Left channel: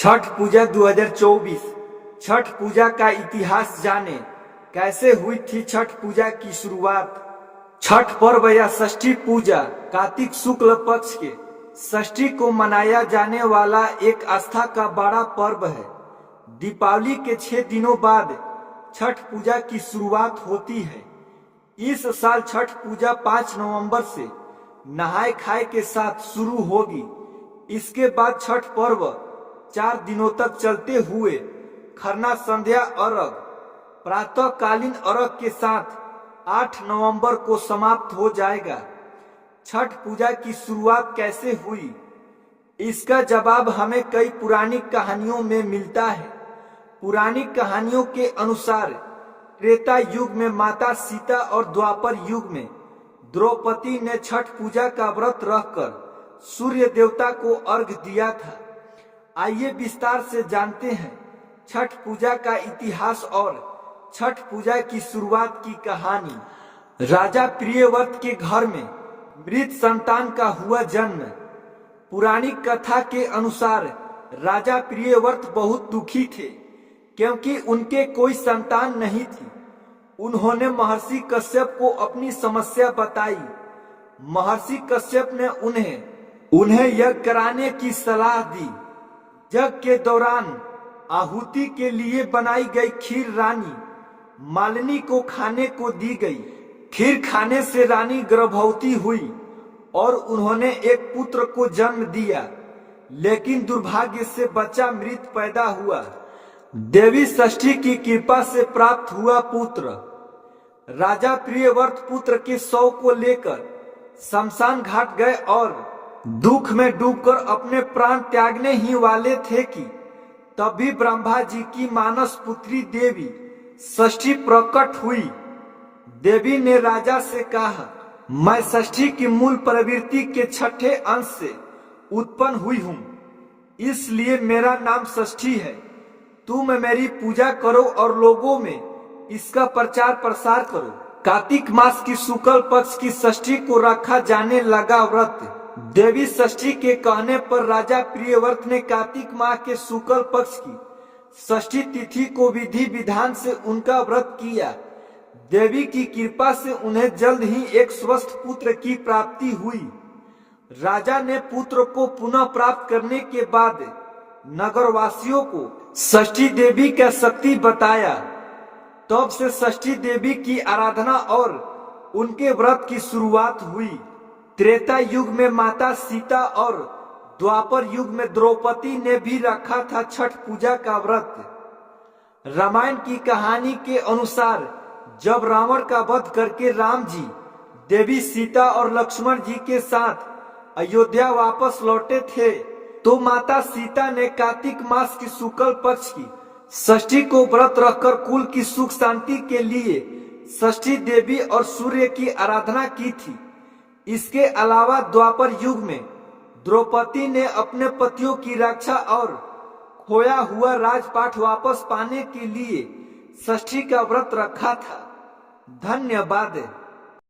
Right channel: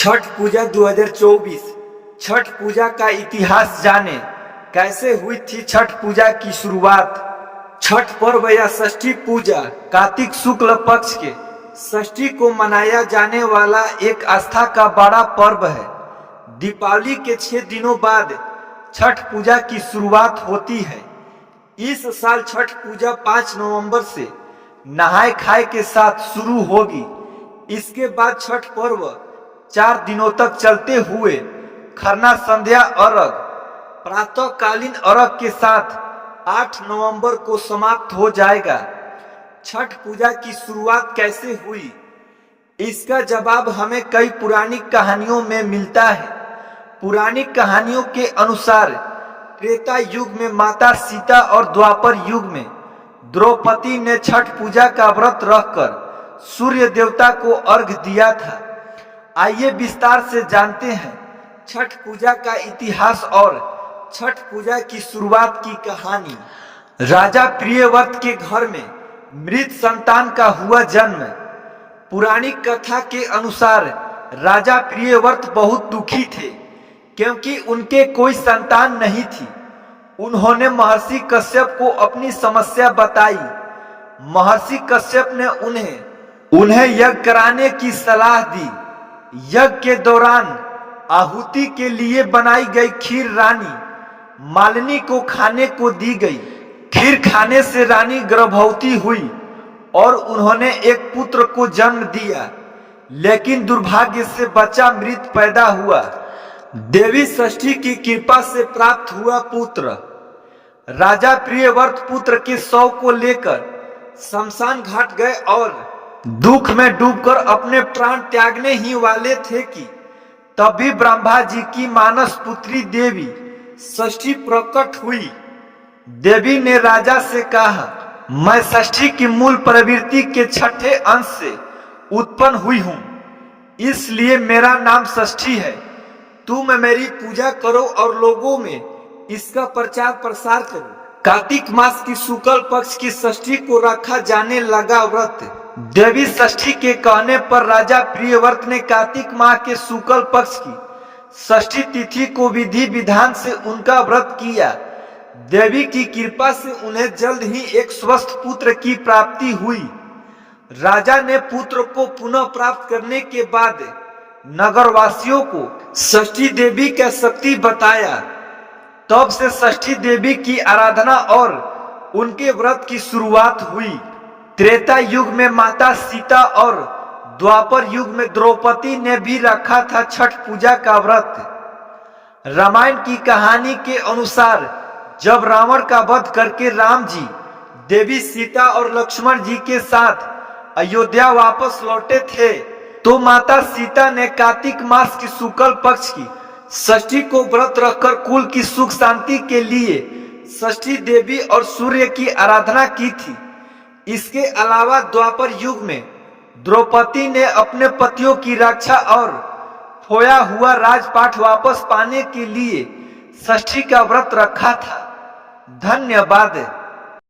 छठ पूजा 2024। छठ पूजा का इतिहास जाने, कैसे हुई थी छठ पूजा की शुरुआत। छठ पर्व या षष्ठी पूजा कार्तिक शुक्ल पक्ष के षष्ठी को मनाया जाने वाला एक आस्था का बड़ा पर्व है। दीपावली के 6 दिनों बाद छठ पूजा की शुरुआत होती है। इस साल छठ पूजा 5 नवंबर से नहाय खाए के साथ शुरू होगी। इसके बाद छठ पर्व 4 दिनों तक चलते हुए खरना, संध्या अर्घ, प्रातःकालीन अर्घ के साथ 8 नवंबर को समाप्त हो जाएगा। छठ पूजा की शुरुआत कैसे हुई, इसका जवाब हमें कई पौराणिक कहानियों में मिलता है। पौराणिक कहानियों के अनुसार त्रेता युग में माता सीता और द्वापर युग में द्रौपदी ने छठ पूजा का व्रत रखकर सूर्य देवता को अर्घ दिया था। आइए विस्तार से जानते हैं छठ पूजा का इतिहास और छठ पूजा की शुरुआत की कहानी। राजा प्रियव्रत के घर में मृत संतान का हुआ जन्म। पुराणिक कथा के अनुसार राजा प्रियव्रत बहुत दुखी थे क्योंकि उनके कोई संतान नहीं थी। उन्होंने महर्षि कश्यप को अपनी समस्या बताई। महर्षि कश्यप ने उन्हें यज्ञ कराने की सलाह दी। यज्ञ के दौरान आहुति के लिए बनाई गई खीर रानी मालिनी को खाने को दी गई। खीर खाने से रानी गर्भवती हुई और उन्होंने एक पुत्र को जन्म दिया, लेकिन दुर्भाग्य से बच्चा मृत पैदा हुआ। देवी षष्ठी की कृपा से प्राप्त हुआ पुत्र। राजा प्रियव्रत पुत्र के शव को लेकर शमशान घाट गए और दुख में डूबकर अपने प्राण त्यागने ही वाले थे कि तभी ब्रह्मा जी की मानस पुत्री देवी षष्ठी प्रकट हुई। देवी ने राजा से कहा, मैं षष्ठी की मूल प्रवृत्ति के 6ठे अंश से उत्पन्न हुई हूं, इसलिए मेरा नाम षष्ठी है। तुम मेरी पूजा करो और लोगों में इसका प्रचार प्रसार करो। कार्तिक मास की शुक्ल पक्ष की षष्ठी को रखा जाने लगा व्रत। देवी षष्ठी के कहने पर राजा प्रियव्रत ने कार्तिक माह के शुक्ल पक्ष की षष्ठी तिथि को विधि विधान से उनका व्रत किया। देवी की कृपा से उन्हें जल्द ही एक स्वस्थ पुत्र की प्राप्ति हुई। राजा ने पुत्र को पुनः प्राप्त करने के बाद नगरवासियों को षष्ठी देवी का शक्ति बताया। तब से षष्ठी देवी की आराधना और उनके व्रत की शुरुआत हुई। त्रेता युग में माता सीता और द्वापर युग में द्रौपदी ने भी रखा था छठ पूजा का व्रत। रामायण की कहानी के अनुसार जब रावण का वध करके राम जी देवी सीता और लक्ष्मण जी के साथ अयोध्या वापस लौटे थे, तो माता सीता ने कार्तिक मास की शुक्ल पक्ष की षष्ठी को व्रत रखकर कुल की सुख शांति के लिए षष्ठी देवी और सूर्य की आराधना की थी। इसके अलावा द्वापर युग में द्रौपदी ने अपने पतियों की रक्षा और खोया हुआ राजपाट वापस पाने के लिए षष्ठी का व्रत रखा था। धन्यवाद।